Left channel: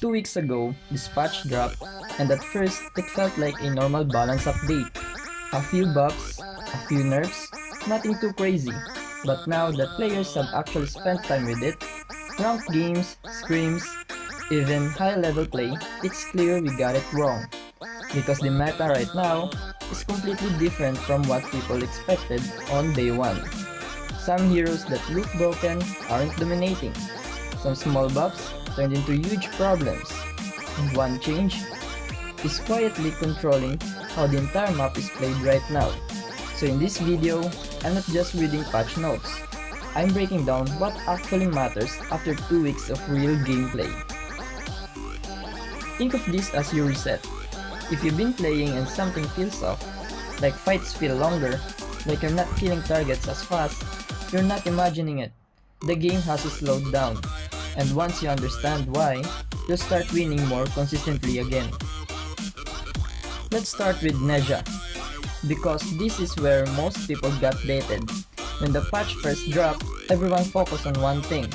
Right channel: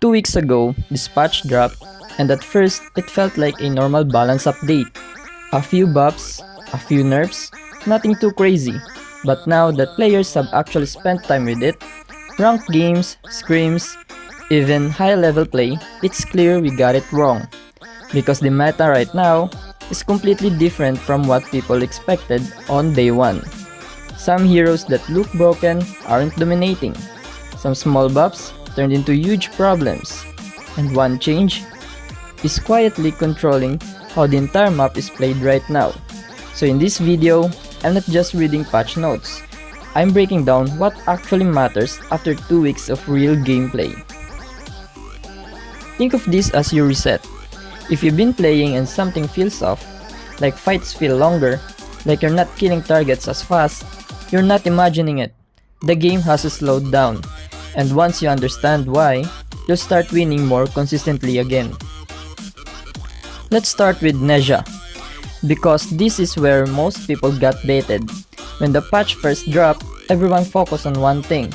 2 weeks ago, this patch dropped, and at first, it felt like a normal balance update. A few buffs, a few nerfs, nothing too crazy. But now that players have actually spent time with it, ranked games, scrims, even high-level play, it's clear we got it wrong. Because the meta right now is completely different from what people expected on day 1. Some heroes that look broken aren't dominating. Some small buffs turned into huge problems. And one change is quietly controlling how the entire map is played right now. So in this video, I'm not just reading patch notes. I'm breaking down what actually matters after 2 weeks of real gameplay. Think of this as your reset. If you've been playing and something feels off, like fights feel longer, like you're not killing targets as fast, you're not imagining it. The game has slowed down, and once you understand why, you'll start winning more consistently again. Let's start with Nezha, because this is where most people got baited. When the patch first dropped, everyone focused on one thing.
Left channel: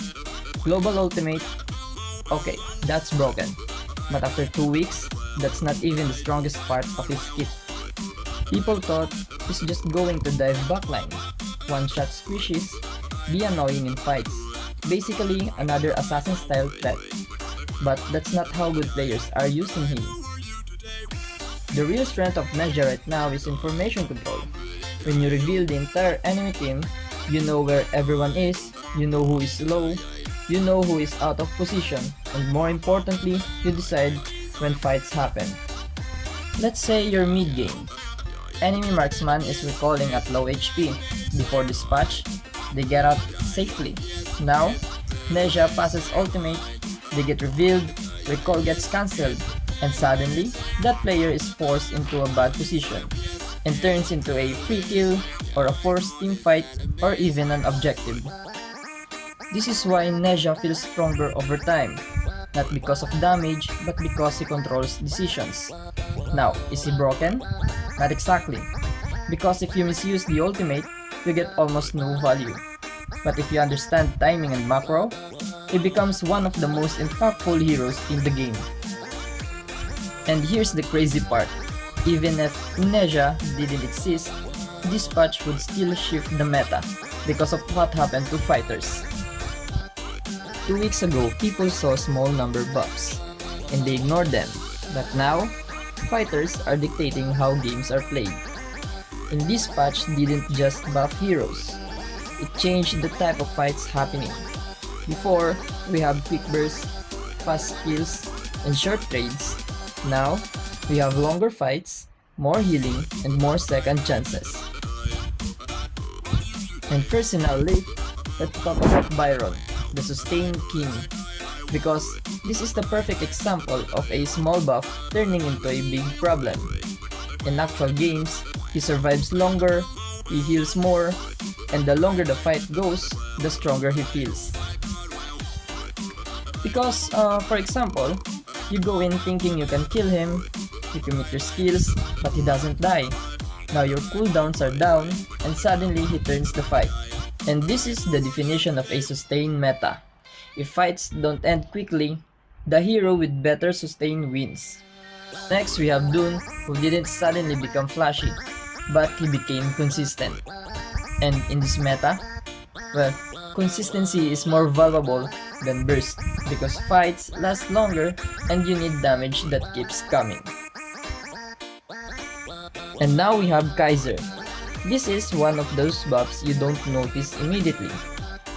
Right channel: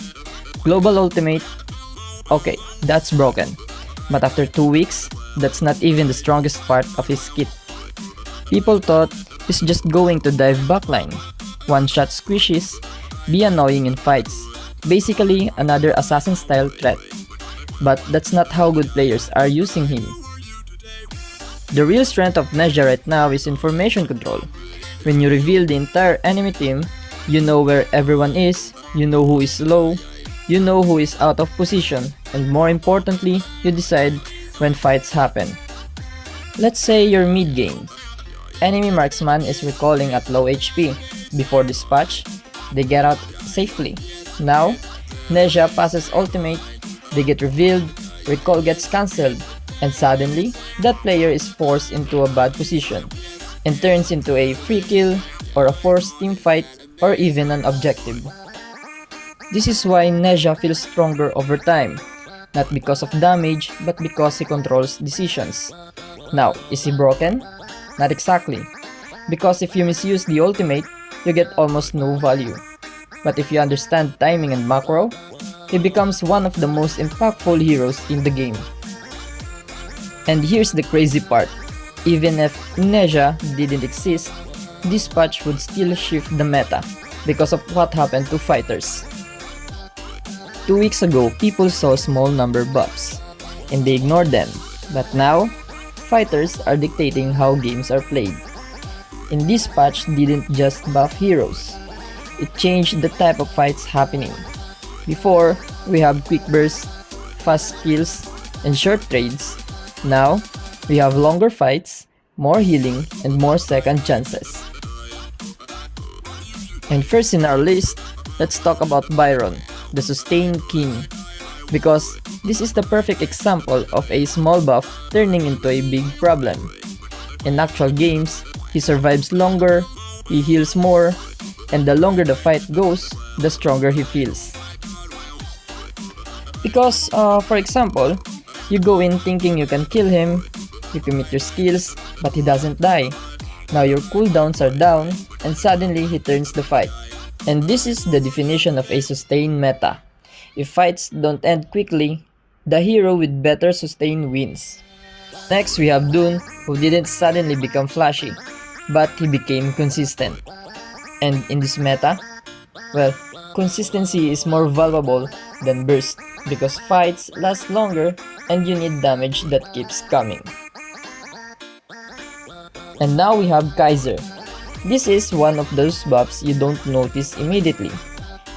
Global ultimate, okay, that's broken. But after 2 weeks, that's not even the strongest part of his kit. People thought he's just going to dive backline, one-shot squishes, be annoying in fights. Basically, another assassin-style threat. But that's not how good players are using him. The real strength of Nezha right now is information control. When you reveal the entire enemy team, you know where everyone is, you know who is low, you know who is out of position, and more importantly, you decide when fights happen. Let's say you're mid-game. Enemy marksman is recalling at low HP. Before this patch, they get out safely. Now, Nezha passes ultimate, they get revealed, recall gets cancelled, and suddenly, that player is forced into a bad position and turns into a free kill or a forced team fight or even an objective. This is why Nezha feels stronger over time, not because of damage but because he controls decisions. Now, is he broken? Not exactly, because if you misuse the ultimate, you get almost no value. But if you understand timing and macro, he becomes one of the most impactful heroes in the game. And here's the crazy part, even if Nezha didn't exist, this patch would still shift the meta because of what happened to fighters. 2 weeks ago, people saw small number buffs, and they ignored them, but now, fighters are dictating how games are played. And this patch didn't just buff heroes, it changed the type of fights happening. Before, we have quick bursts, fast kills, and short trades. Now, we have longer fights, more healing, and more second chances. And first in our list, let's talk about Byron, the Sustain King. Because this is the perfect example of a small buff turning into a big problem. In actual games, he survives longer, he heals more, and the longer the fight goes, the stronger he feels. Because, for example, you go in thinking you can kill him, you commit your skills, but he doesn't die. Now your cooldowns are down, and suddenly he turns the fight. And this is the definition of a sustain meta. If fights don't end quickly, the hero with better sustain wins. Next we have Dune, who didn't suddenly become flashy, but he became consistent. And in this meta, well, consistency is more valuable than burst, because fights last longer and you need damage that keeps coming. And now we have Kaiser. This is one of those buffs you don't notice immediately,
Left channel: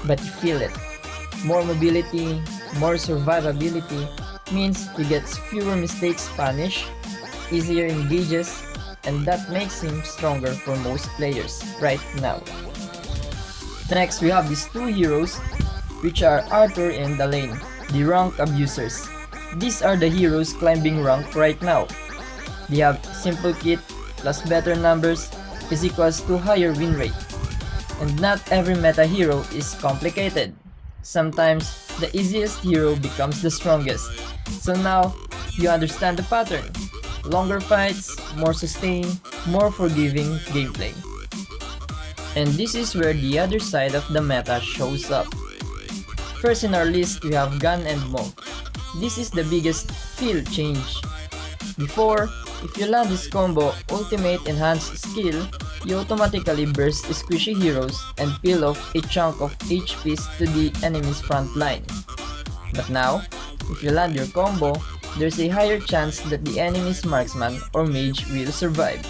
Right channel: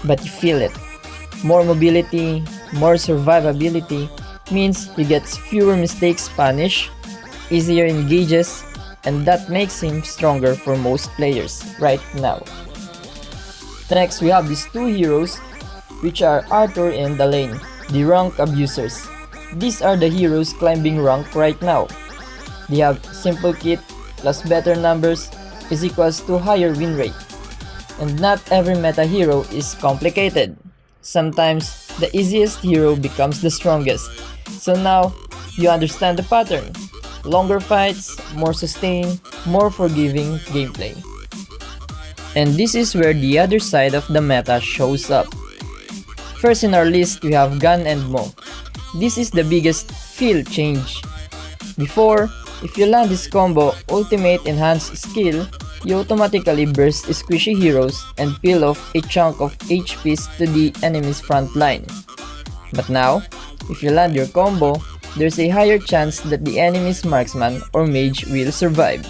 but you feel it. More mobility, more survivability means he gets fewer mistakes punished, easier engages, and that makes him stronger for most players right now. Next, we have these two heroes, which are Arthur and Elaine, the rank abusers. These are the heroes climbing rank right now. They have simple kit plus better numbers is equals to higher win rate. And not every meta hero is complicated. Sometimes the easiest hero becomes the strongest. So now you understand the pattern. Longer fights, more sustain, more forgiving gameplay. And this is where the other side of the meta shows up. First in our list we have Gun and Mo. this is the biggest feel change. Before, if you land this combo ultimate enhanced skill, you automatically burst squishy heroes and peel off a chunk of HPs to the enemy's front line. But now, if you land your combo, there's a higher chance that the enemy's marksman or mage will survive.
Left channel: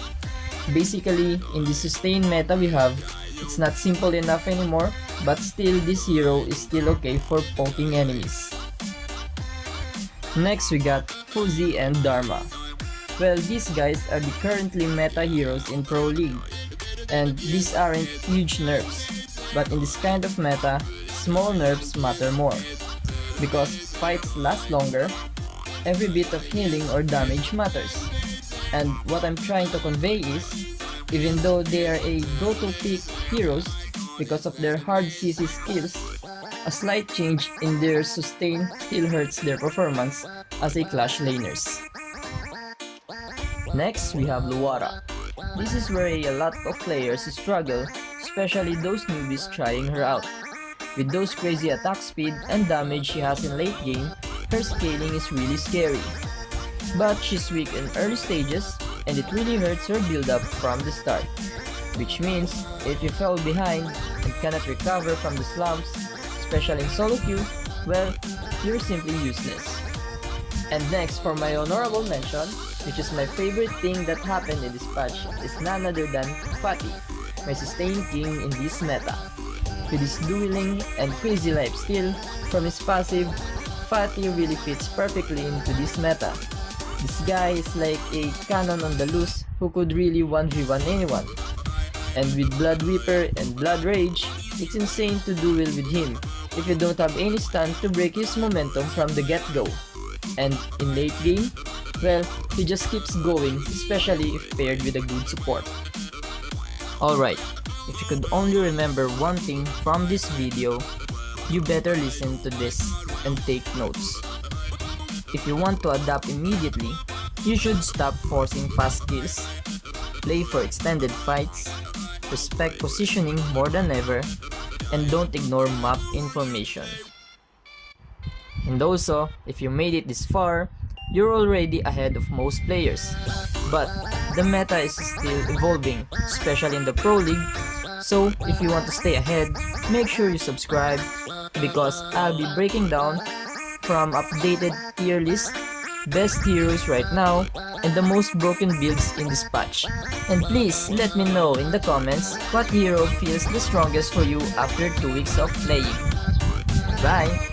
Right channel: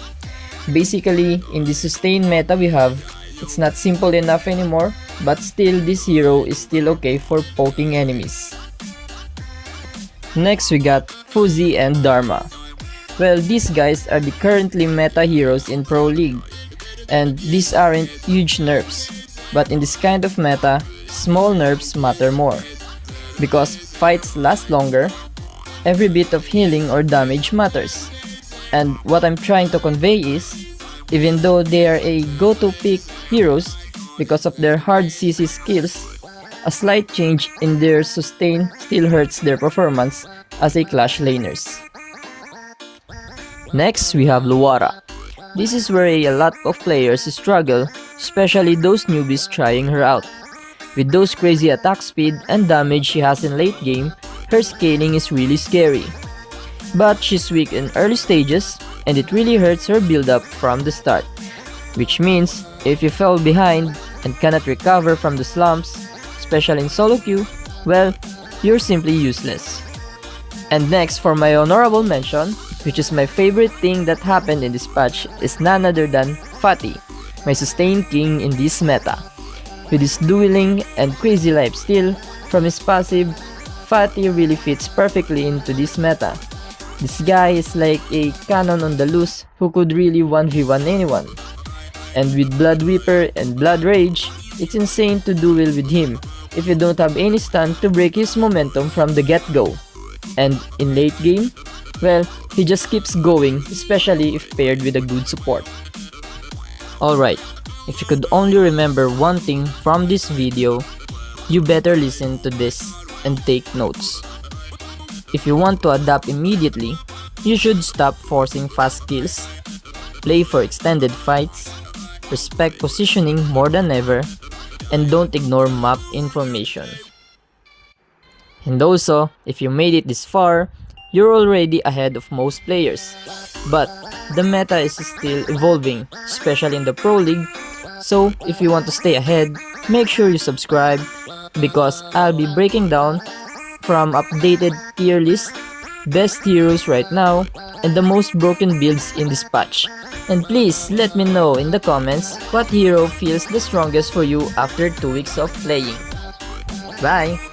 Basically, in the sustained meta we have, it's not simple enough anymore, but still this hero is still okay for poking enemies. Next we got Fuzzy and Dharma. Well, these guys are the currently meta heroes in Pro League, and these aren't huge nerfs, but in this kind of meta, small nerfs matter more. Because fights last longer, every bit of healing or damage matters. And what I'm trying to convey is, even though they are a go-to pick heroes because of their hard CC skills, a slight change in their sustain still hurts their performance as a clash laners. Next, we have Luara. This is where a lot of players struggle, especially those newbies trying her out. With those crazy attack speed and damage she has in late game, her scaling is really scary. But she's weak in early stages, and it really hurts her build up from the start. Which means, if you fell behind and cannot recover from the slumps, especially in solo queue, well, you're simply useless. And next, for my honorable mention, which is my favorite thing that happened in this patch, is none other than Fatty, my sustain king in this meta. With his dueling and crazy lifesteal from his passive, Fatty really fits perfectly into this meta. This guy is like a cannon on the loose who could really 1v1 anyone. And with Blood Weeper and Blood Rage, it's insane to duel with him if you don't have any stun to break his momentum from the get-go. And in late game, well, he just keeps going, especially if paired with a good support. Alright, if you could only remember one thing from this video, you better listen to this and take notes. If you want to adapt immediately, you should stop forcing fast kills, play for extended fights, respect positioning more than ever, and don't ignore map information. And also, if you made it this far, you're already ahead of most players. But the meta is still evolving, especially in the Pro League, so if you want to stay ahead, make sure you subscribe because I'll be breaking down from updated tier list, best heroes right now, and the most broken builds in this patch. And please let me know in the comments what hero feels the strongest for you after 2 weeks of playing. Bye!